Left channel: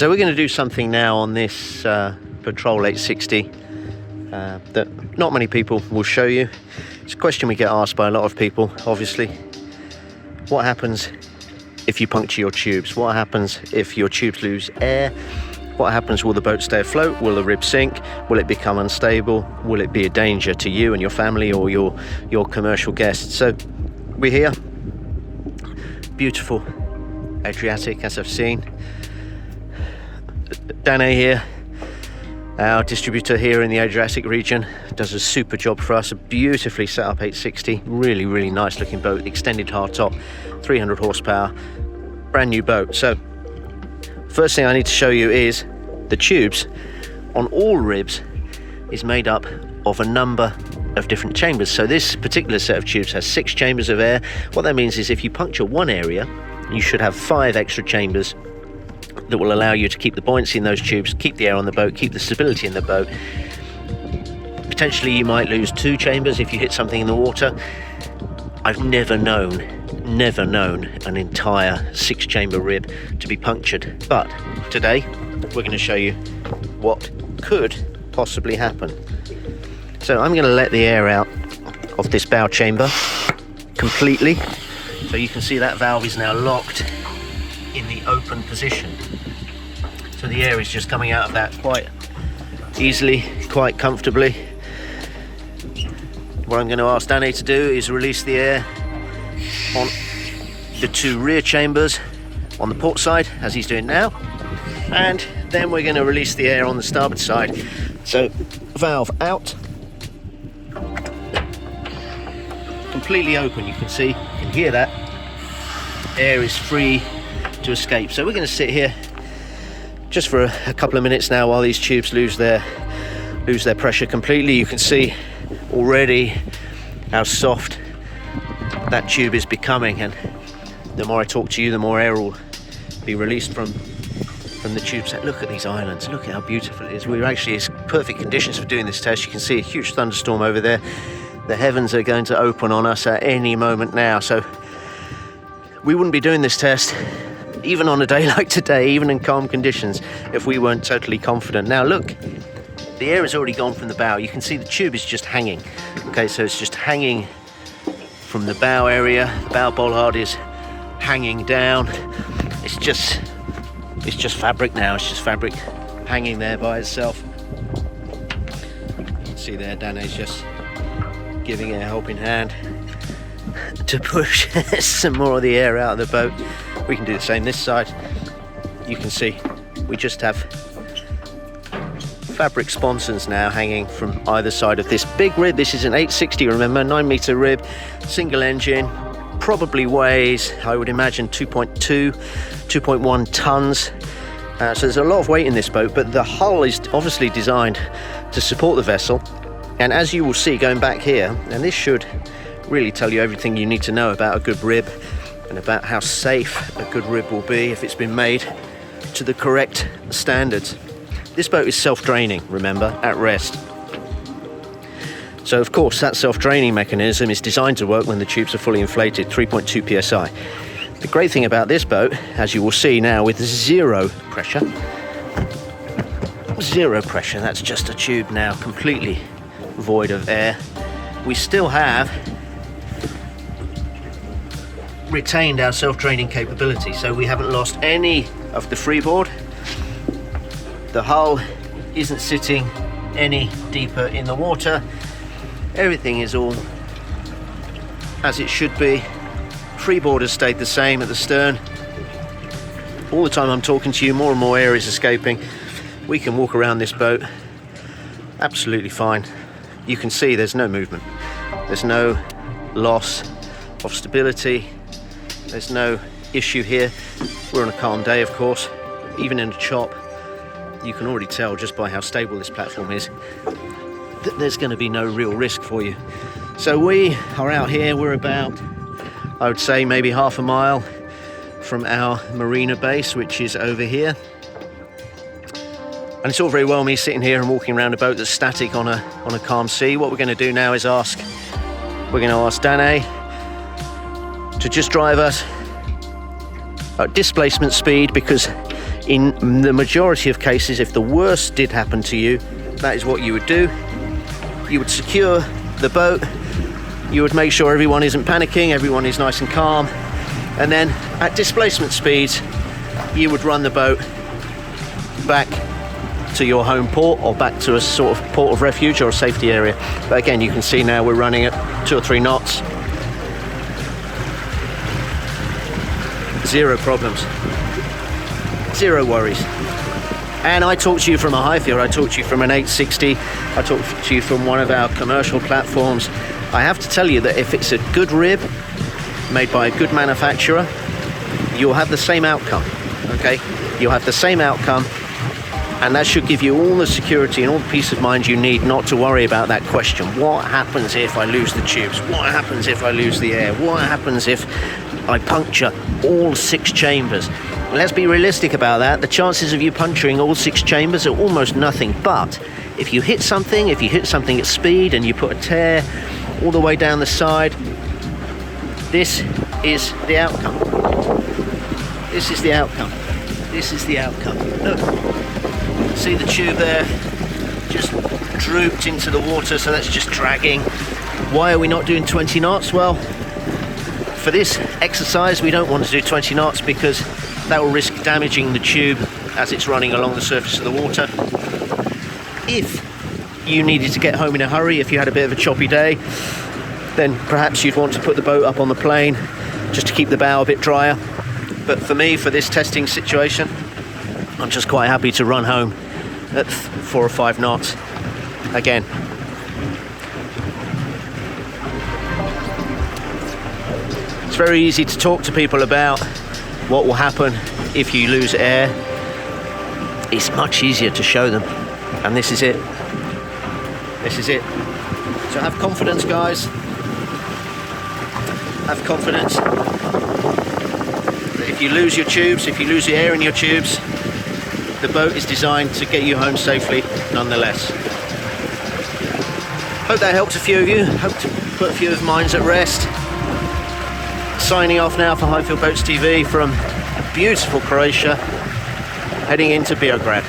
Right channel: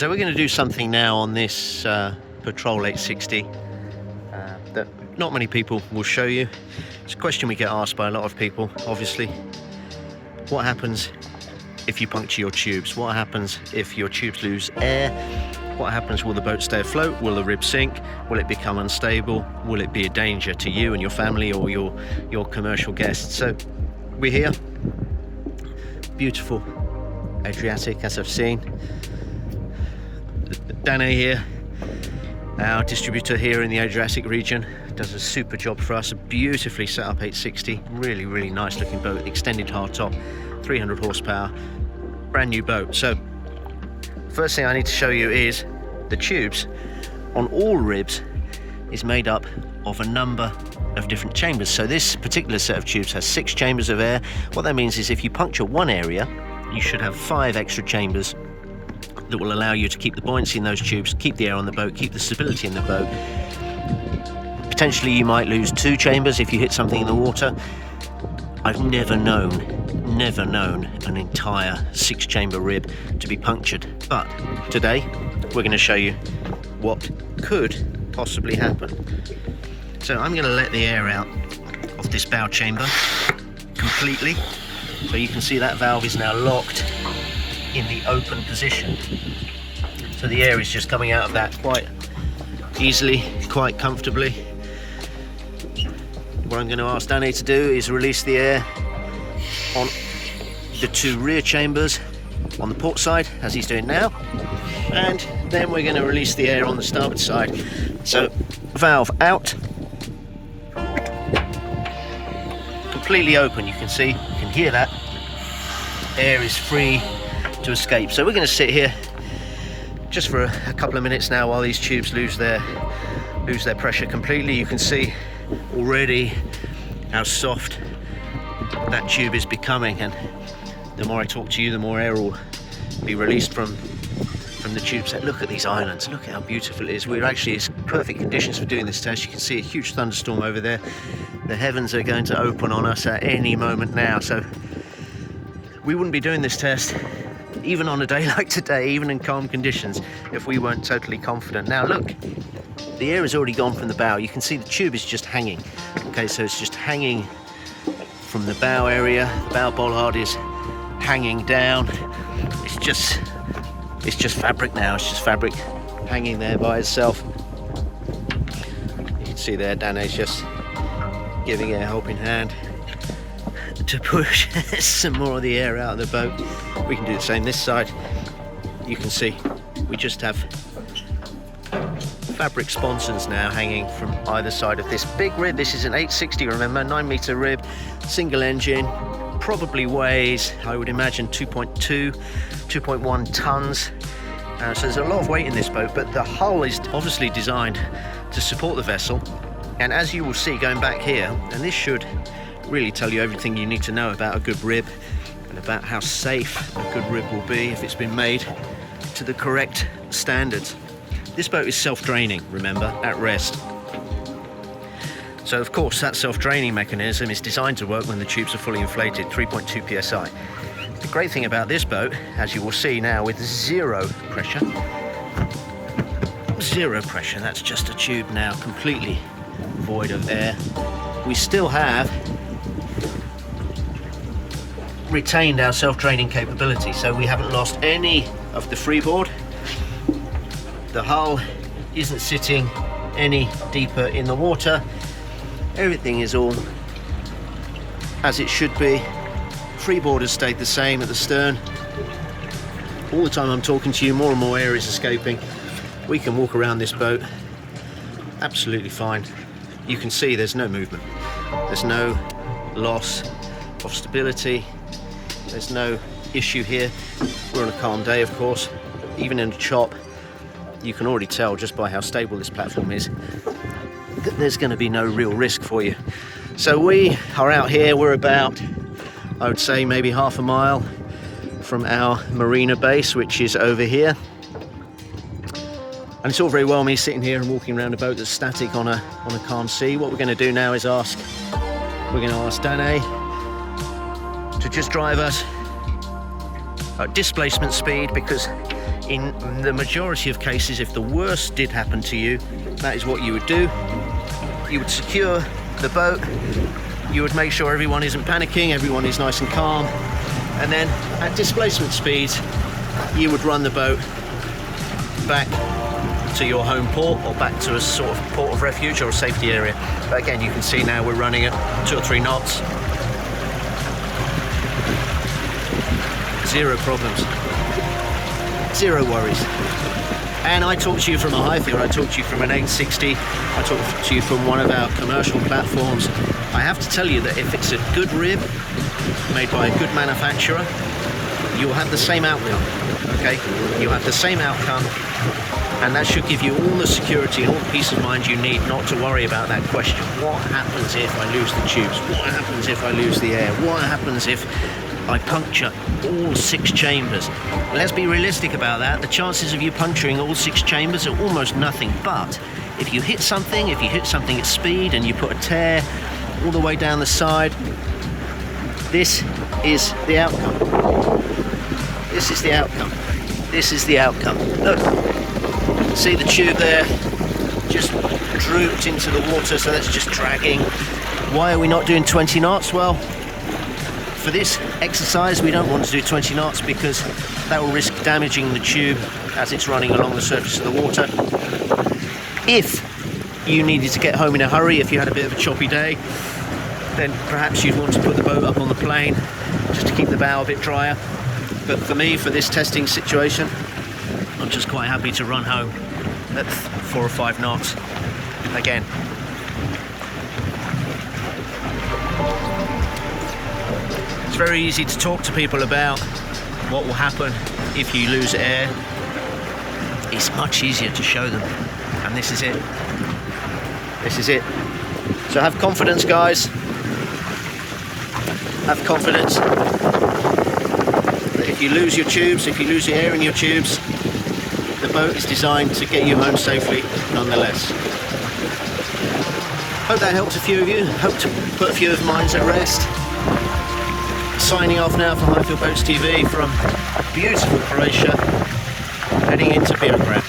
So we're going to do something now on this Patrol 860 that not many people will show you. It's a question we get asked by a lot of people, obviously. What happens if you puncture your tubes? What happens if your tubes lose air? What happens? Will the boat stay afloat? Will the rib sink? Will it become unstable? Will it be a danger to you and your family or your commercial guests? So we're here. Beautiful Adriatic, as I've seen. Dane here, our distributor here in the Adriatic region, does a super job for us. A beautifully set up 860, really nice looking boat, extended hardtop, 300 horsepower, brand new boat. So first thing I need to show you is the tubes on all ribs is made up of a number of different chambers. So this particular set of tubes has 6 chambers of air. What that means is if you puncture one area, you should have 5 extra chambers that will allow you to keep the buoyancy in those tubes, keep the air on the boat, keep the stability in the boat. Potentially you might lose 2 chambers if you hit something in the water. I've never known an entire 6-chamber rib to be punctured. But today we're going to show you what could possibly happen. So I'm going to let the air out of this bow chamber completely. So you can see that valve is now locked in the open position. So the air is just coming out of that quite easily, quite comfortably. What I'm going to ask Dane to do is release the air on the 2 rear chambers on the port side, as he's doing now, and then we're going to release the air on the starboard side. So valve out, completely open. You can see, you can hear that air is free to escape. So we're going to sit here just for a couple of minutes now while these tubes lose their pressure completely. You can see already how soft that tube is becoming, and the more I talk to you, the more air will be released from the tubes. Look at these islands, look at how beautiful it is. We're actually in perfect conditions for doing this test. You can see a huge thunderstorm over there. The heavens are going to open on us at any moment now, so we wouldn't be doing this test even on a day like today, even in calm conditions, if we weren't totally confident. Now look, the air has already gone from the bow. You can see the tube is just hanging. Okay, so it's just hanging from the bow area. The bow bollard is hanging down. It's just fabric now. It's just fabric hanging there by itself. You can see there, Dane's just giving it a helping hand to push some more of the air out of the boat. We can do the same this side. You can see we just have fabric sponsons now hanging from either side of this big rib. This is an 860, remember, 9-meter rib, single engine, probably weighs, I would imagine, 2.1 tons. So there's a lot of weight in this boat, but the hull is obviously designed to support the vessel. And as you will see going back here, and this should really tell you everything you need to know about a good rib and about how safe a good rib will be if it's been made to the correct standards. This boat is self-draining, remember, at rest. So of course that self-draining mechanism is designed to work when the tubes are fully inflated, 3.2 psi. The great thing about this boat, as you will see now, with zero pressure, that's just a tube now completely void of air. We still have retained our self-draining capability, so we haven't lost any of the freeboard. The hull isn't sitting any deeper in the water. Everything is all as it should be. Freeboard has stayed the same at the stern. All the time I'm talking to you, more and more air is escaping. We can walk around this boat absolutely fine. You can see there's no movement. There's no loss of stability. There's no issue here. We're on a calm day, of course. Even in a chop, you can already tell just by how stable this platform is that there's going to be no real risk for you. So we are out here. We're about, I would say, maybe half a mile from our marina base, which is over here. And it's all very well me sitting here and walking around a boat that's static on a calm sea. What we're going to do now is ask Dane to just drive us at displacement speed, because In the majority of cases, if the worst did happen to you, that is what you would do. You would secure the boat, you would make sure everyone isn't panicking, everyone is nice and calm, and then at displacement speeds, you would run the boat back to your home port or back to a sort of port of refuge or a safety area. But again, you can see now we're running at 2 or 3 knots. Zero problems, zero worries. And I talked to you from a Highfield, I talked to you from an 860, I talked to you from one of our commercial platforms. I have to tell you that if it's a good rib made by a good manufacturer, you'll have the same outcome, okay? You'll have the same outcome, and that should give you all the security and all the peace of mind you need not to worry about that question. What happens if I lose the tubes? What happens if I lose the air? What happens if I puncture all 6 chambers? Let's be realistic about that. The chances of you puncturing all 6 chambers are almost nothing, but if you hit something at speed and you put a tear all the way down the side, this is the outcome. This is the outcome. This is the outcome. Look, see the tube there just drooped into the water, so that's just dragging. Why are we not doing 20 knots? Well, for this exercise we don't want to do 20 knots because that will risk damaging the tube as it's running along the surface of the water. If you needed to get home in a hurry, if you had a bit of a choppy day, then perhaps you'd want to put the boat up on the plane just to keep the bow a bit drier. But for me, for this testing situation, I'm just quite happy to run home at 4 or 5 knots again. It's very easy to talk to people about what will happen if you lose air. It's much easier to show them, and this is it. This is it. So have confidence, guys. Have confidence that if you lose your tubes, if you lose the air in your tubes, the boat is designed to get you home safely nonetheless. Hope that helps a few of you. Hope to put a few of mine at rest. Signing off now for Highfield Boats TV from beautiful Croatia, heading into Beograd.